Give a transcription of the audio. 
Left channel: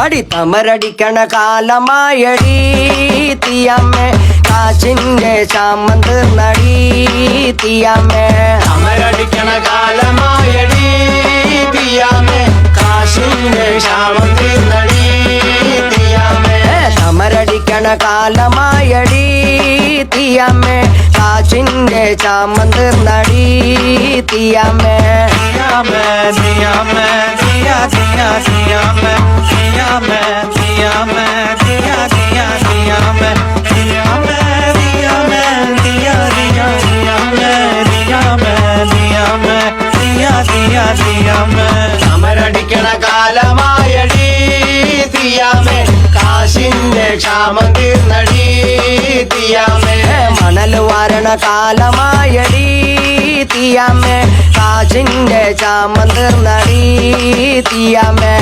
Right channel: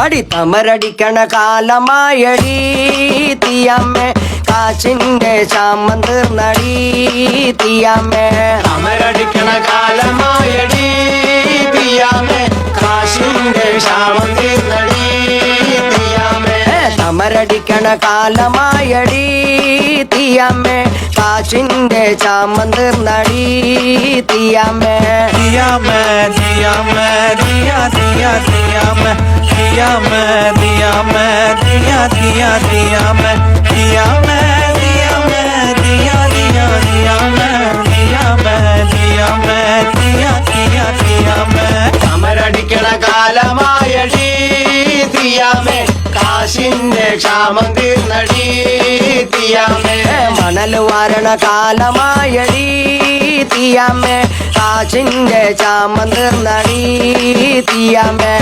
അടിത്തമരടിക്കണ കാലമായടി തീയമ്മേ കാശിന്റെ ക്ഷാമം തീർന്നടി തീയമ്മേ തമരടിക്കണ കാലമായടി തീയമ്മേ കാശിന്റെ ക്ഷാമം തീർന്നടി തീയമ്മേ തമരടിക്കണ കാലമായടി തീയമ്മേ കാശിന്റെ ക്ഷാമം തീർന്നടി തീയമ്മേ തീയമ്മേ തീയമ്മേ തീയ തീയ തീയമ്മേ തീയമ്മേ തീയമ്മേ തീയ തീയ തീയമ്മേ തീയമ്മേ തീയമ്മേ തീയ തീയ തീയമ്മേ തീയമ്മേ തീയമ്മേ തീയ തീയ തീയമ്മേ തമരടിക്കണ കാലമായടി തീയമ്മേ കാശിന്റെ ക്ഷാമം തീർന്നടി തീയമ്മേ മണൽ വാരണ കാലമായടി തീയമ്മേ കാശിന്റെ ക്ഷാമം തീർന്നടി തീയമ്മേ